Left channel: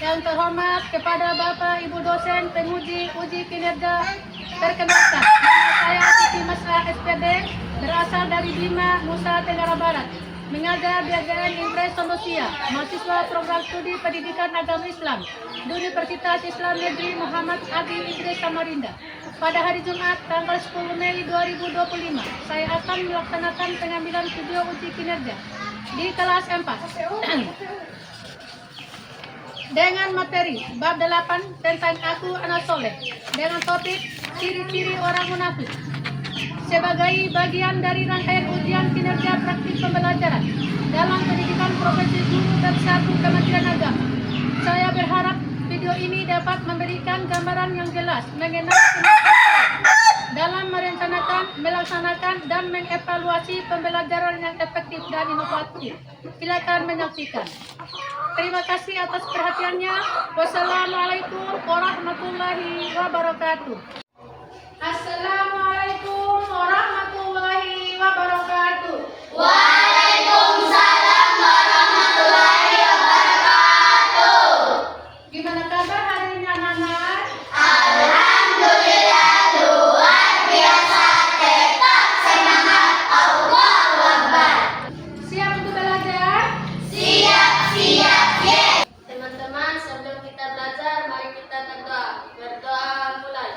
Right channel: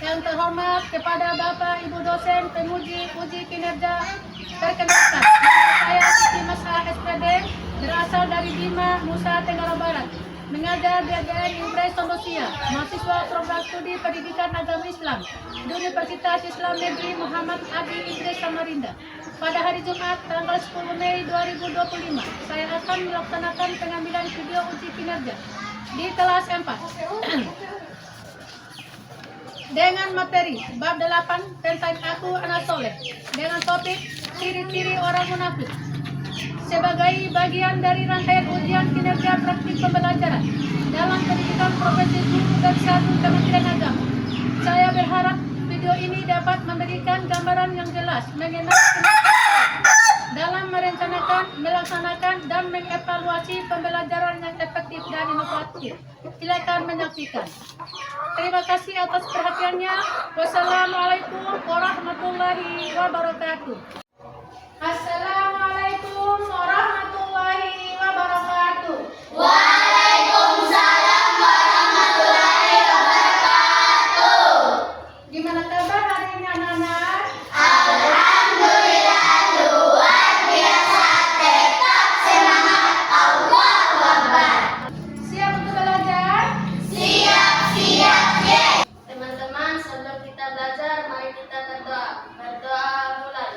Yang terhormat kepada Bapak Ibu dosen penguji uji kinerja, perkenalkan, nama saya Siti Mas'ah SPD, berasal dari Bima, Nusa Tenggara Barat, mengajar di AJN Impres Sondosia, mahasiswa program studi pendidikan agama Islam di Universitas Islam Negeri Muhammad Adi Idris Samarinda. Pada hari Jumat tanggal 10 Mei 2025, saya akan melaksanakan pengambilan video uji kinerja di kelas 4 dengan materi bab 8 tentang aku anak soleh dengan topik ciri-ciri orang munafik sebagai bagian dari rangkaian ujian kinerja praktik pembelajaran dalam pendidikan profesi guru dan satu Kementerian Agama. Saya berharap video ini dapat memberikan gambaran yang jelas mengenai kemampuan dalam merencanakan, melaksanakan, dan mengevaluasi pembelajaran yang efektif dan inovatif. Silakan menyaksikan. Terima kasih atas perhatiannya. Wassalamualaikum warahmatullahi wabarakatuh. Assalamualaikum warahmatullahi wabarakatuh. Waalaikumsalam warahmatullahi wabarakatuh. Gimana kabar hari ini anak-anak? Alhamdulillah luar biasa, tetap semangat, Allahu Akbar. Siap untuk belajar? Siap, siap, yes. Teman-teman, sebelum kita belajar, mari kita berdoa. Berdoa mulai.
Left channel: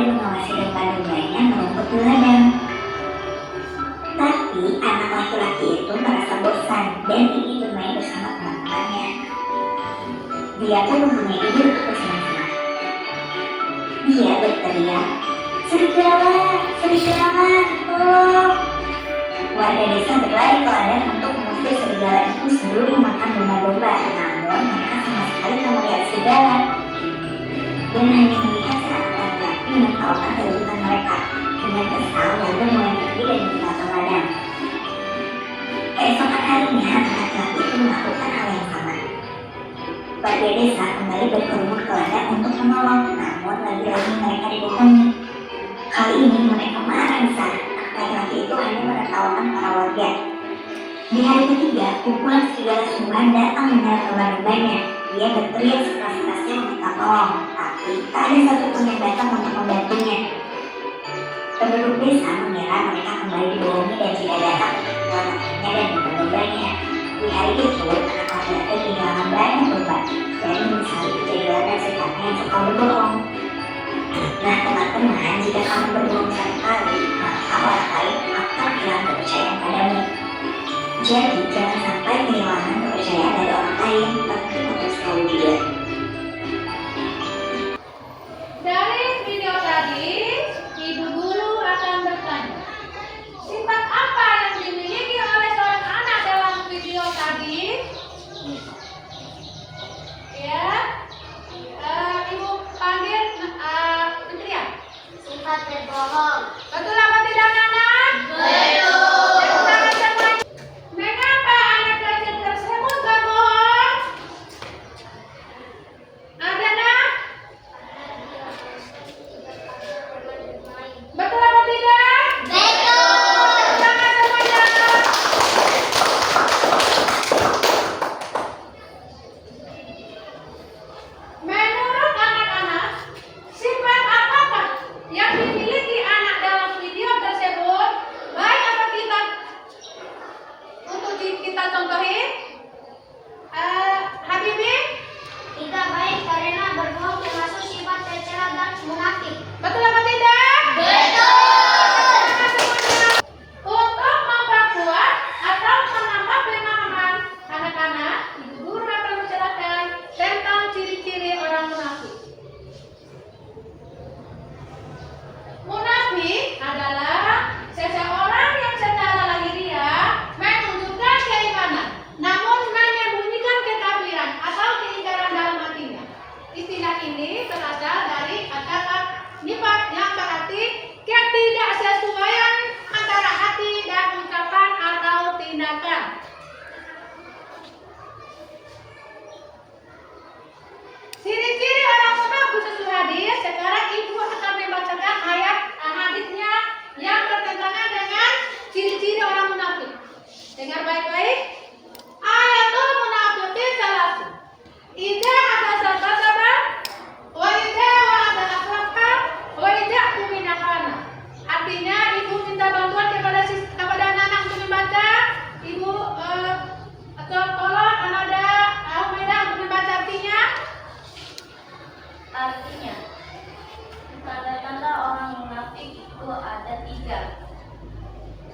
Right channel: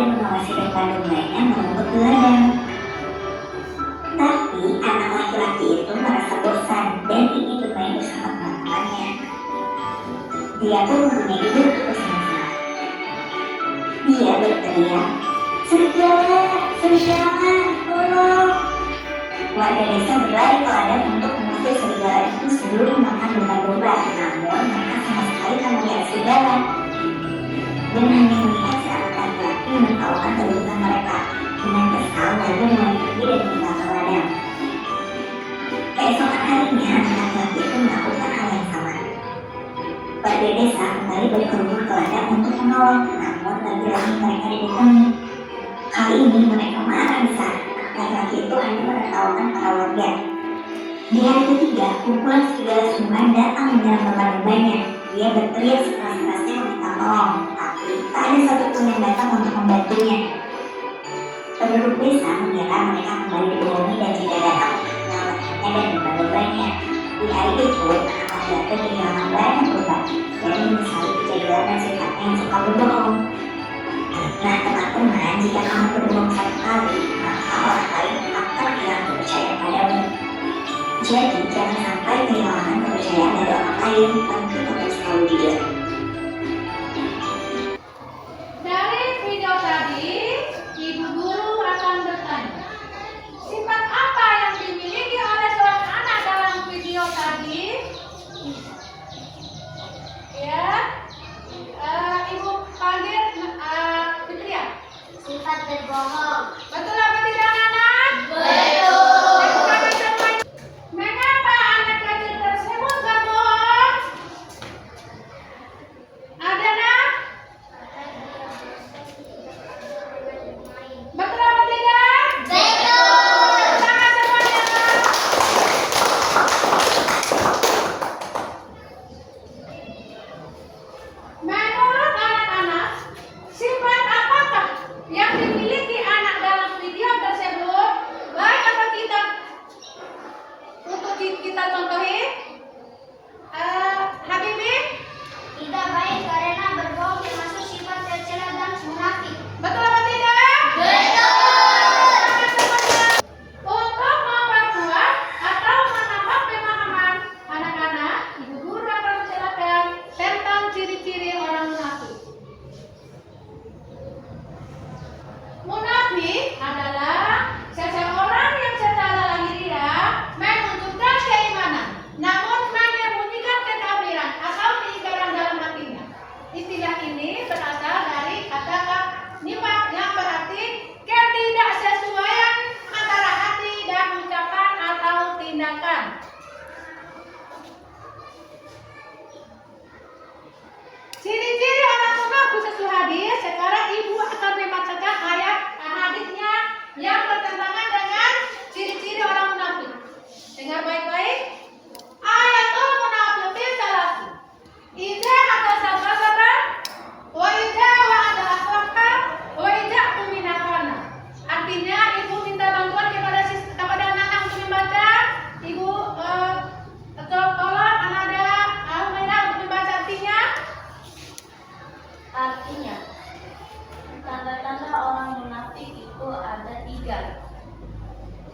dan mengawasi dan lainnya menuntut teladan. Tapi anak laki-laki itu merasa bosan dan ingin bermain bersama teman-temannya. Dia pun mempunyai ide untuk bersenang-senang. Dia berteriak, serigala, tolong! Warga desa berlari ke ladang untuk mengusir serigala itu sebelum makan domba-domba. Namun mereka sama sekali tak melihat serigala dan hanya melihat seorang laki-laki menertawakan kedudukan mereka. Dengan kesal, warga mulai pergi dan meninggalkan ladang. Keesokan harinya, anak laki-laki itu melakukan hal yang sama. Warga desa kembali berkerumun ke ladang untuk menolong, namun lagi-lagi mereka dibohongi. Kali ini mereka marah besar. Laki-laki itu hanya menertawakan para warga. Di hari ketiga, kumpulan serigala Sumban datang menyerang domba-dombanya. Dia berteriak sekeras-kerasnya meminta tolong, tapi tak ada satupun yang datang untuk membantunya. Penduduk desa mengira mereka kembali dibohongi dan tidak datang untuk menyelamatkannya dan domba-dombanya. Di hari itu, anak laki-laki kehilangan banyak domba dan menyesali kejadian dan sikapnya yang suka berbohong. Nah teman-teman, jika kamu berbohong satu kali, maka orang lain akan hilang kepercayaan padamu. Jadi jangan sampai kehilangan kepercayaan dari orang lain, penting untuk selalu jujur. Dari video tadi, ibu guru akan bertanya, sifat apa yang dimiliki oleh seorang anak dalam video tadi? Ya, ibu panggil Fitria. Sifat berbohong. Betul apa tidak, anak? Betul. Dan tangan semua. Mengapa anak kecil tersebut berbohong? Ada nak? Betul apa tidak? Betul. Tangan semuanya. Menurut anak-anak, sifat apakah yang dimiliki anak dalam video tersebut? Baik apa kita untuk kita contohi? Habibi, Tidak baik karena berbohong termasuk sifat tercela dan munafik. betul apa tidak? Betul. Tangan semuanya. Untuk memperkuat atau menambah pemahaman anak-anak, ibu guru akan menjelaskan tentang ciri-ciri orang munafik. Munafik adalah seseorang yang secara lahiriah menunjukkan keimanan, namun menyembunyikan kekafiran atau keingkaran dalam hatinya. Istilah ini berasal dari kata nifaq yang berarti ketidaksesuaian antara hati dan ucapan atau tindakan. Ciri-ciri orang munafik sesuai hadis. Sekarang ibu akan membacakan ayat hadisnya yang bertentangan dengan ciri-ciri orang munafik. Dengar baik-baik. Ayatul munafiqin salatu. Idza atasababa wa idza wa'ada akhlaqa wa idza tumina khana. Artinya ibu minta bantuan kepada anak untuk membaca. Ibu tolong ada Humaira untuk membaca artinya. Artinya, tanda-tanda orang munafik itu ada 3.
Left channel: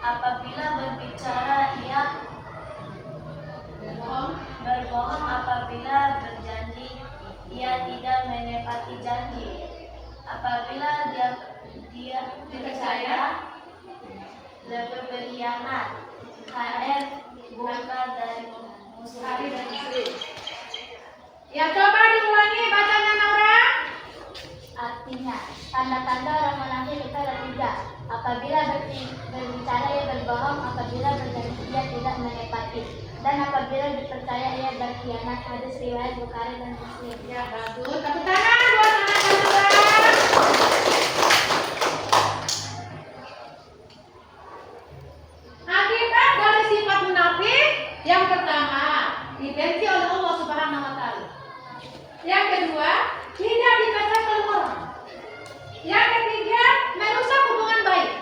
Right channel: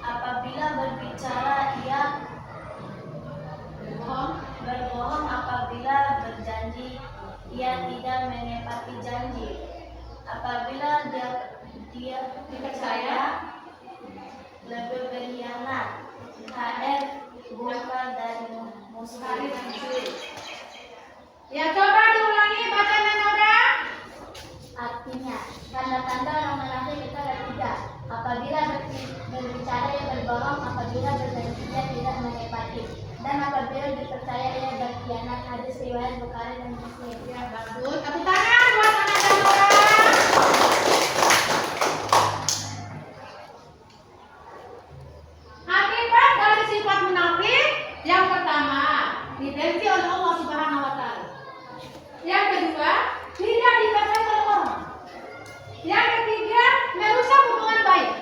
Apabila berbicara ia berbohong, apabila berjanji ia tidak menepati janji, apabila dia percaya lebih berkhianat, HR bukan dari musuh. Ya, coba diulangi bacanya Naura. Artinya, tanda-tanda orang munafik itu ada 3. Apabila berbicara ia berbohong, apabila berjanji ia tidak menepati, dan apabila dipercaya ia berkhianat. Hadis riwayat Bukhari dan Muslim. Ya, bagus. Tepuk tangan buat anak Naura. Akibat dari sifat munafik yang pertama, dibenci oleh Allah Subhanahu wa taala. Yang kedua, tidak dipercaya oleh orang. Yang ketiga, merusak hubungan baik.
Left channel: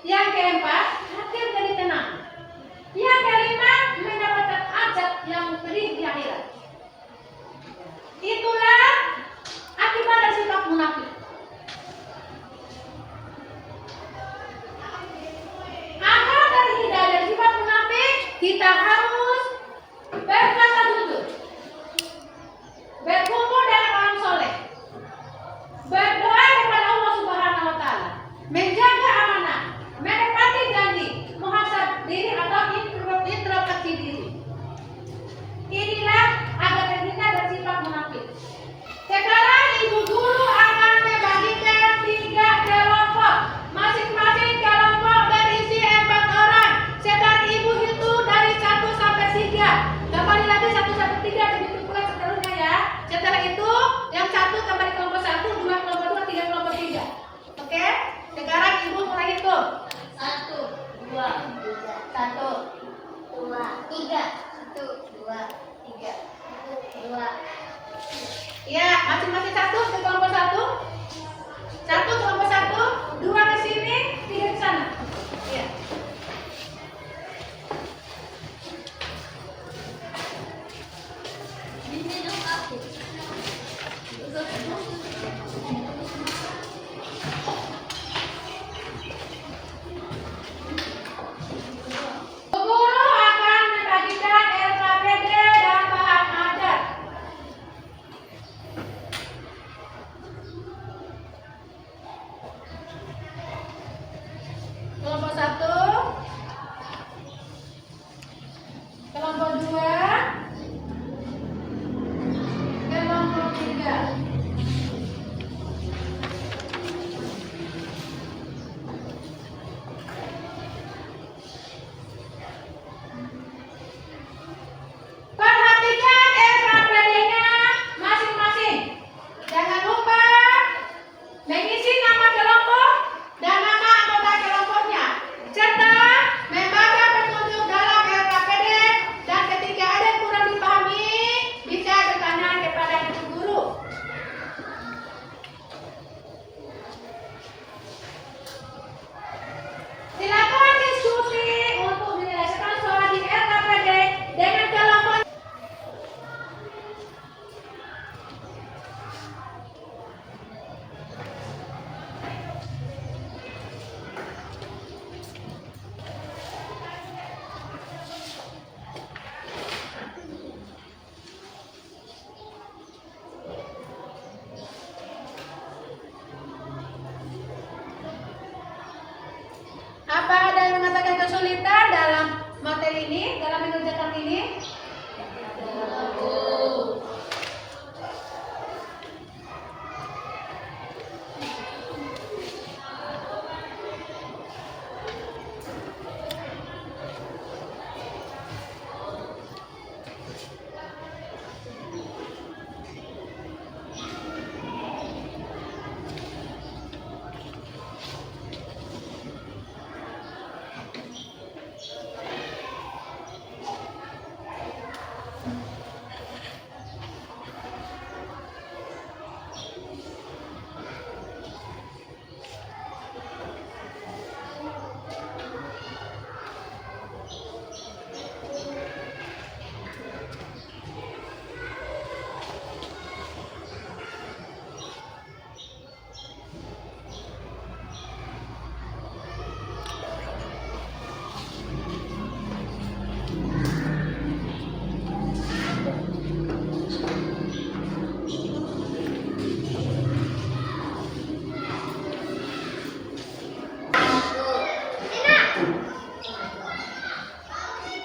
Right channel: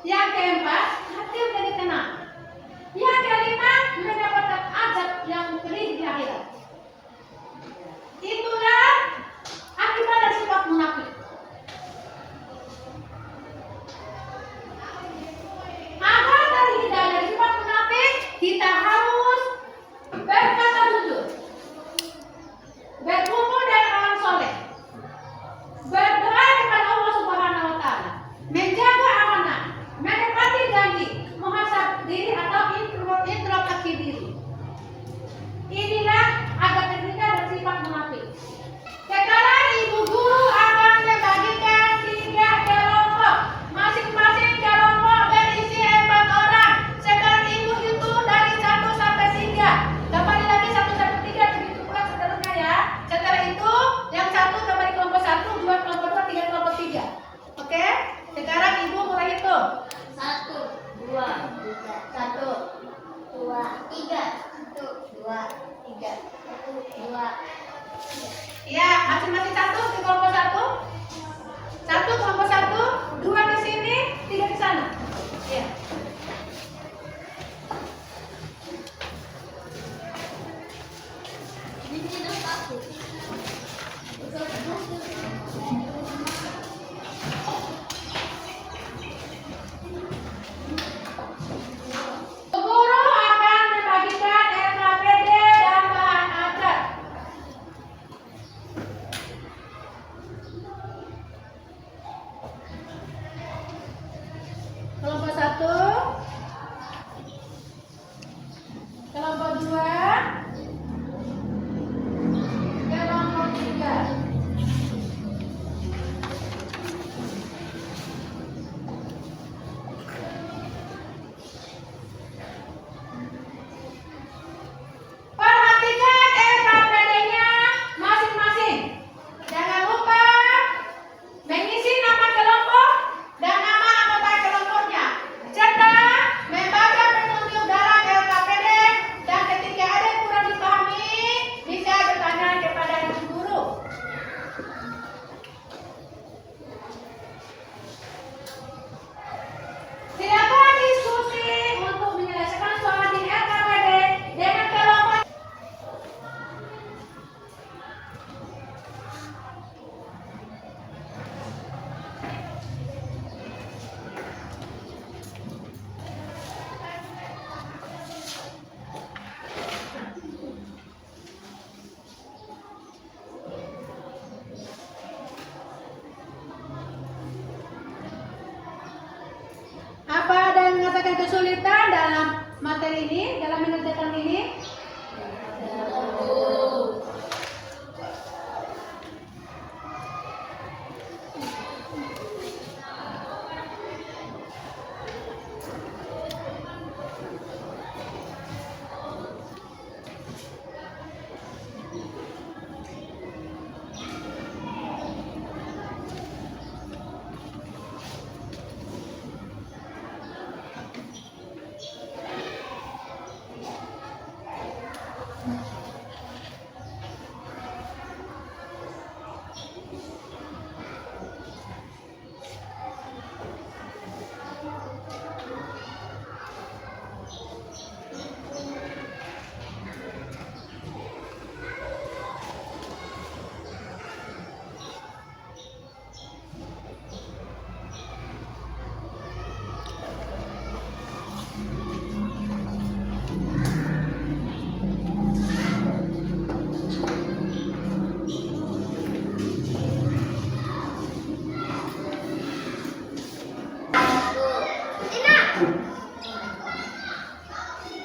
Yang keempat, hati menjadi tenang. Yang kelima, mendapatkan azab yang pedih di akhirat. Itulah akibat dari sifat munafik. Ya, masing-masing satu ke kelompok satu. Satu kelompok satu, dua di sini, tiga di sana. Ya. Guru akan membagikan RKPD dan bahan ajar. Kelompok satu, kelompok dua, kelompok tiga. Perhatikan RKPD-nya masing-masing. Jangan lupa mengisi nama kelompok dan nama anggota kelompoknya, serta membaca petunjuk dalam RKPD, dan ketika ada yang kurang dipahami bisa bertanya kepada ibu guru. Silakan diskusi untuk menyelesaikan soal di RKPD dengan kelompok. Apa ada yang mengatakan kesulitan dalam materi ini, dalam mengerjakan ini?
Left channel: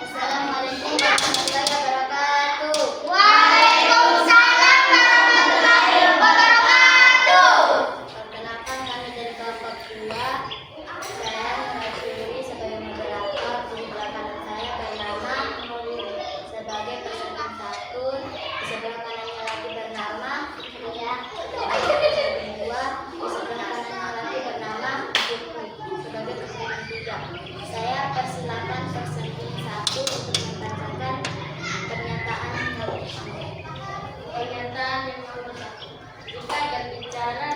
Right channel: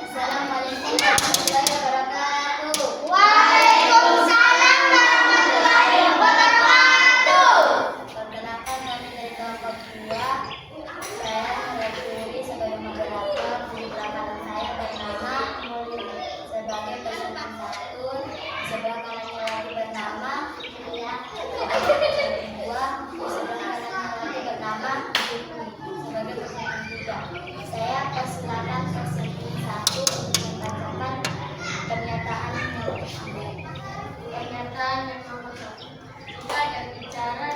Assalamualaikum warahmatullahi wabarakatuh. Waalaikumsalam warahmatullahi wabarakatuh. Perkenalkan, kami dari kelompok 2. Saya Nurul sebagai moderator. Di belakang saya bernama Mulid sebagai peserta 1. Di sebelah kanannya lagi bernama Lia. Peserta 2. Di sebelah kanannya lagi bernama Jukri sebagai peserta 3. Saya persilakan peserta 1 untuk membacakan pernyataan nomor 1. Pernyataan yang nomor 1. Jika ada bicara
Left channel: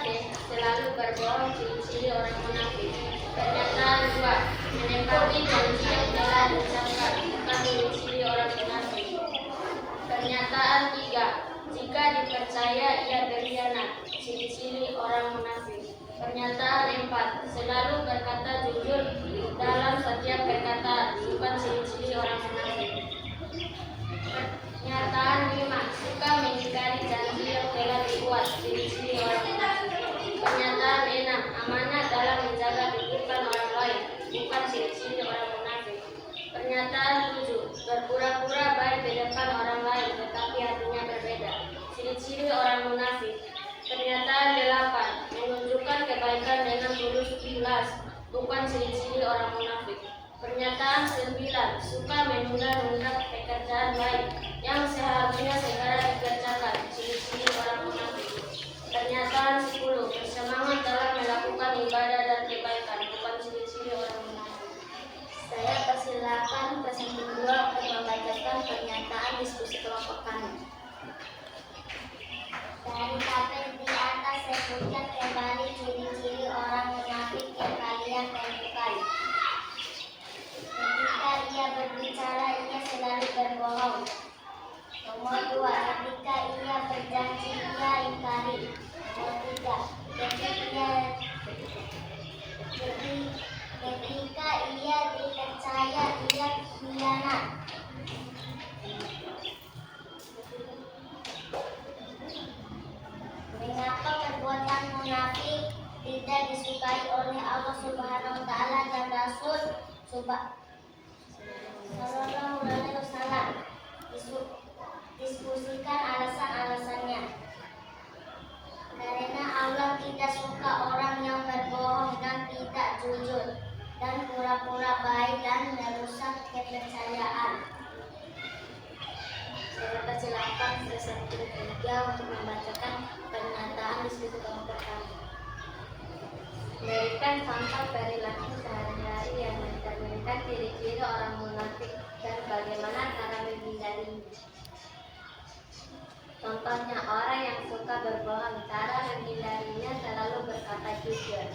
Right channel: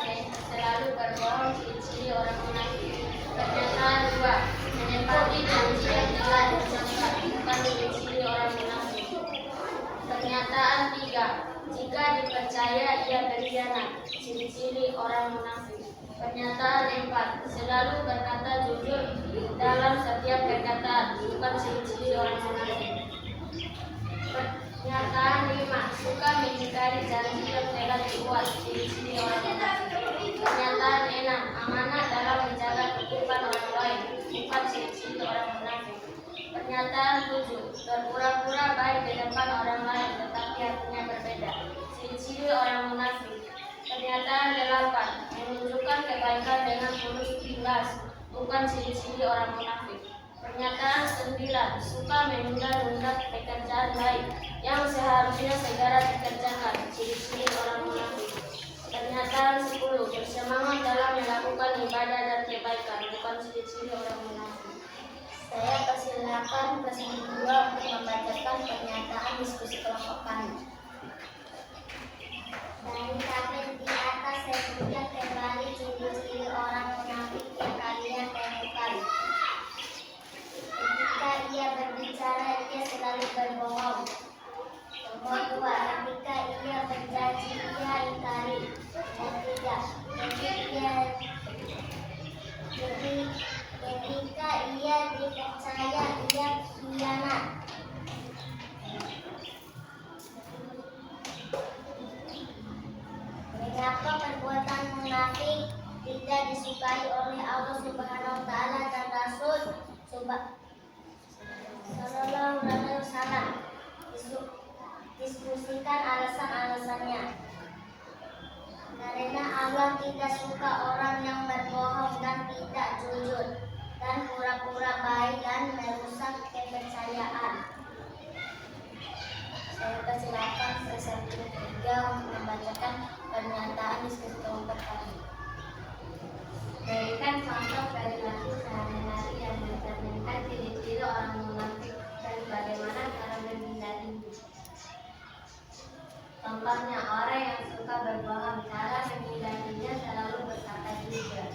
selalu berbohong, ciri-ciri orang munafik. Pernyataan 2. Menepati janji yang telah diucapkan, bukan ciri-ciri orang munafik. Pernyataan 3. Jika dipercaya ia berkhianat, ciri-ciri orang munafik. Pernyataan 4. Selalu berkata jujur dalam setiap perkataan, bukan ciri-ciri orang munafik. Pernyataan 5. Suka mengingkari janji yang telah dibuat, ciri-ciri orang munafik. Pernyataan 6. Amanah dalam menjaga titipan orang lain, bukan ciri-ciri orang munafik. Pernyataan 7. Berpura-pura baik di depan orang lain, tetapi hatinya berbeda, ciri-ciri orang munafik. Pernyataan 8. Menunjukkan kebaikan dengan tulus ikhlas, bukan ciri-ciri orang munafik. Pernyataan 9. Suka menunda-nunda pekerjaan baik yang seharusnya segera dikerjakan, ciri-ciri orang munafik. Pernyataan 10. Bersemangat dalam melakukan ibadah dan kebaikan, bukan ciri-ciri orang munafik. Saya persilakan peserta 2 untuk membacakan pernyataan diskusi kelompok kami. Saya tidak disukai oleh Allah Subhanahu wa taala dan Rasul Sallallahu alaihi wasallam. Diskusikan alasan-alasannya. Karena Allah tidak suka orang yang berbohong dan tidak jujur dan pura-pura baik dan merusak kepercayaan. Saya persilakan peserta ketiga untuk membacakan pernyataan diskusi kelompok kami. Berikan contoh perilaku sehari-hari yang mencerminkan ciri-ciri orang munafik dan bagaimana cara menghindarinya. Contohnya, orang yang suka berbohong, cara menghindarinya selalu berkata jujur.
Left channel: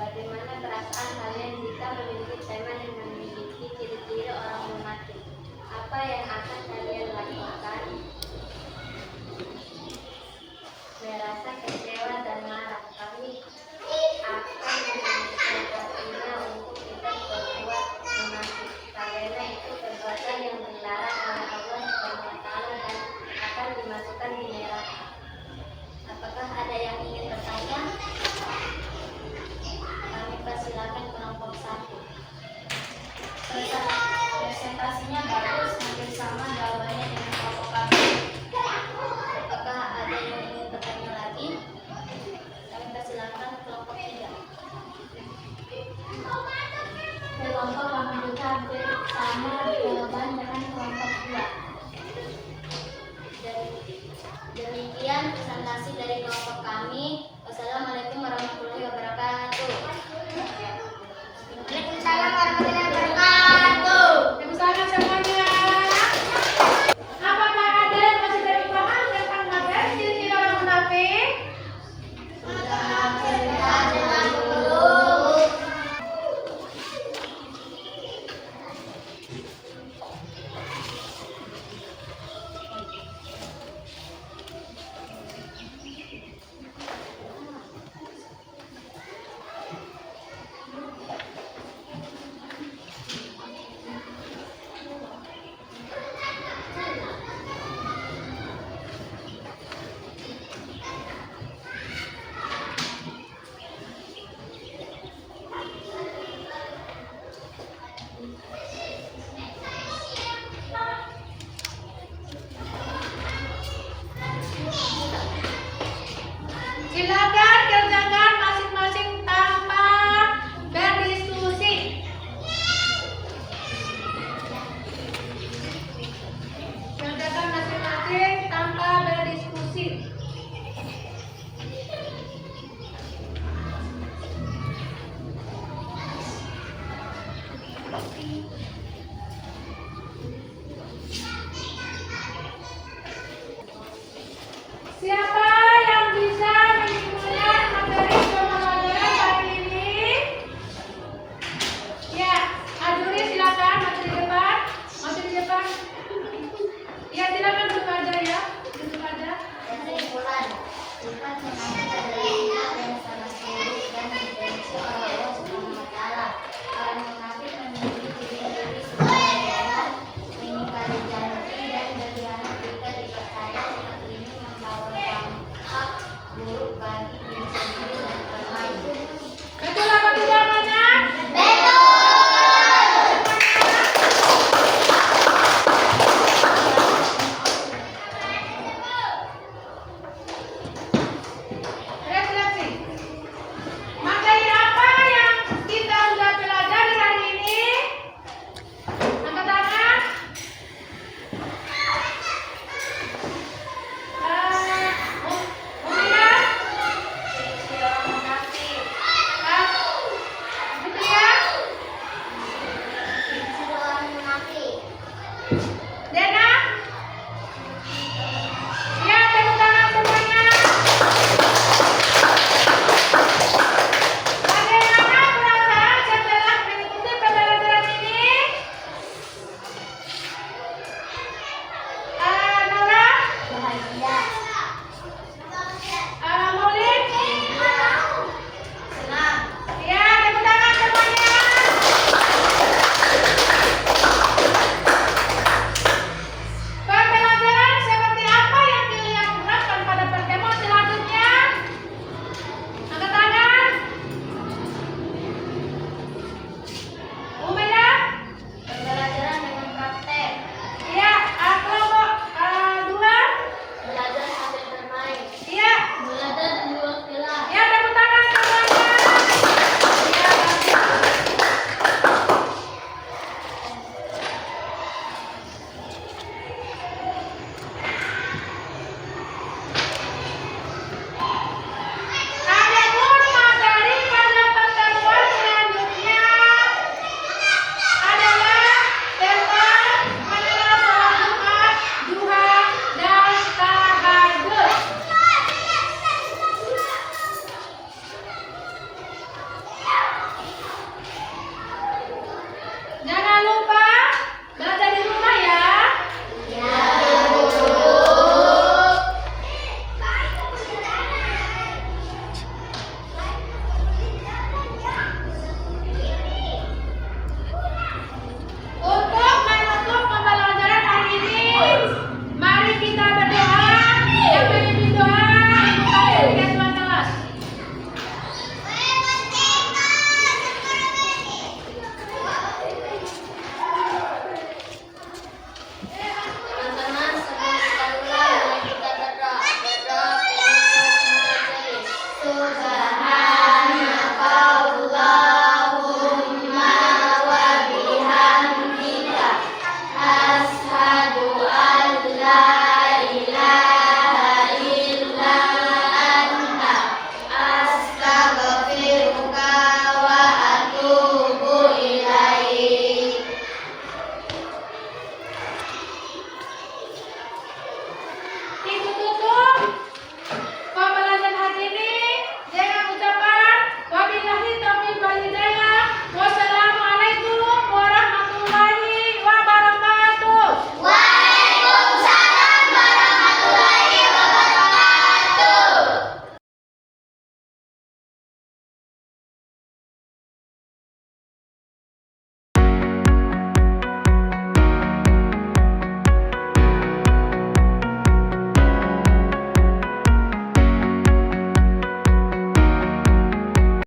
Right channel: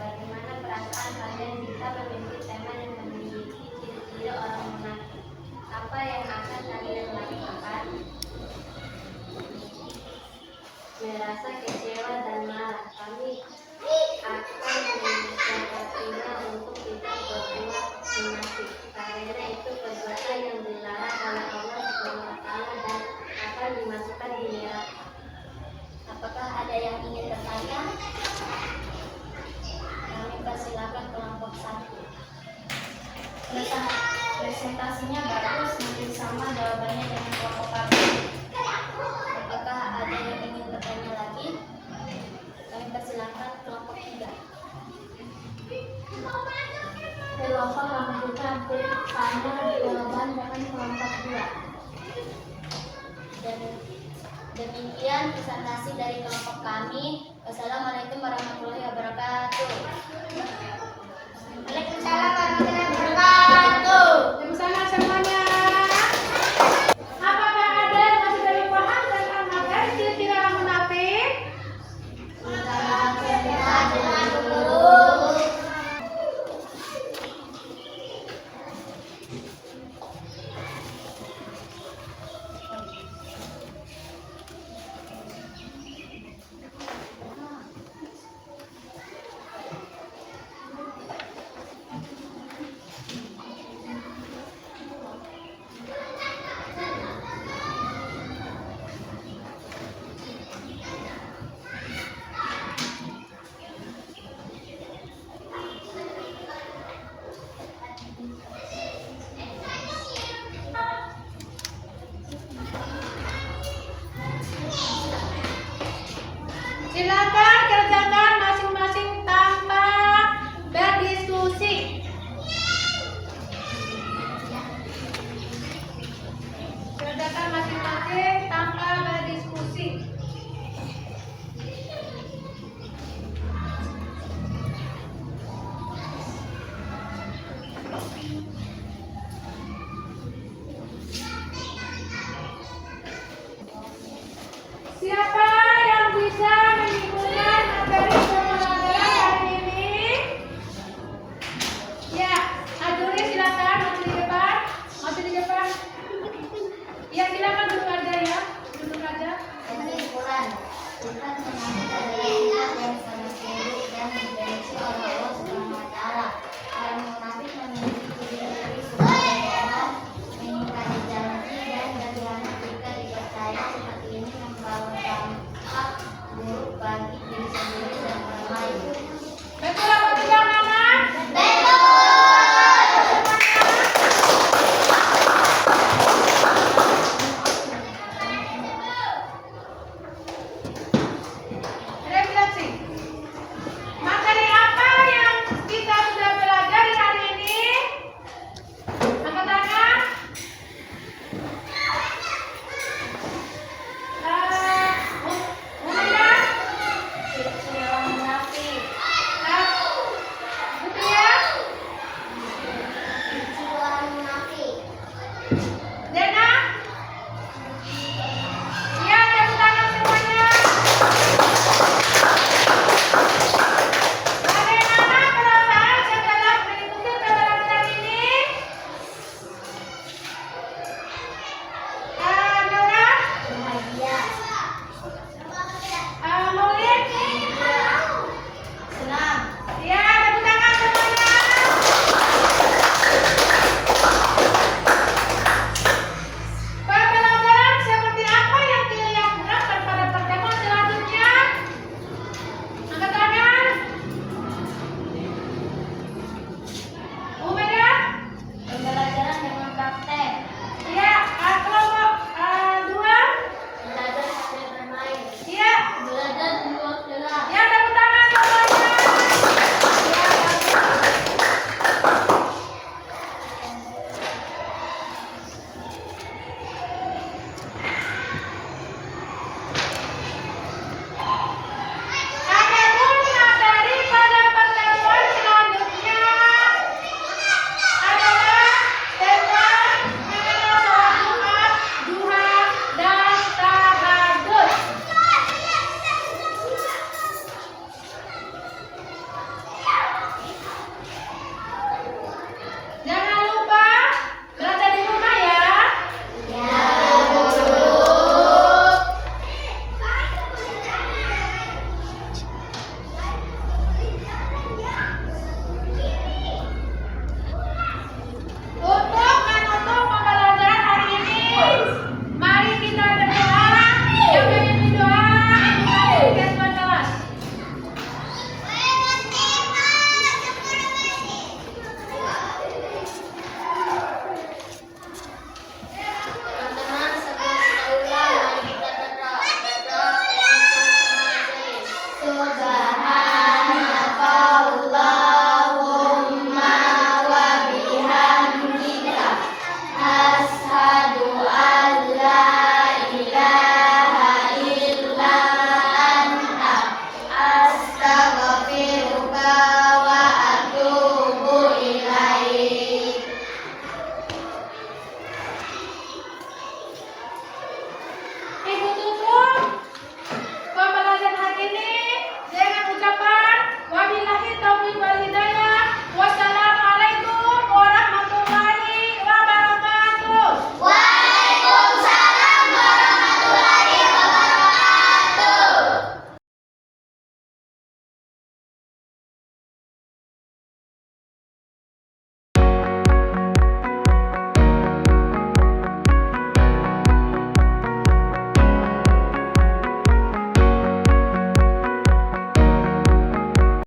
Bagaimana perasaan kalian jika memimpin teman yang memiliki ciri-ciri orang munafik? Apa yang akan kalian lakukan? Merasa kecewa dan marah. Kami akan mengingatkannya untuk tidak berbuat munafik, karena itu perbuatan yang dilarang oleh Allah Subhanahu wa taala dan akan dimasukkan di neraka. Apakah ada yang ingin bertanya? Kami persilakan kelompok 1. Presentasinya bagus, mungkin sama jawabannya dengan kelompok kami. Apakah ada yang ingin bertanya lagi? Kami persilakan kelompok 3. Kelompok lanjutan bertanya jawaban dengan kelompok 2. Dan demikian presentasi dari kelompok kami. Wassalamualaikum warahmatullahi wabarakatuh. Waalaikumsalam warahmatullahi wabarakatuh. Waalaikumsalam semuanya. Apakah ada yang masih belum paham tentang materi ciri-ciri orang munafik? Sudah cerita dengan guru. Silakan kerjakan masing-masing tanpa berdiskusi. Kerjakan masing-masing tanpa berdiskusi. Siapa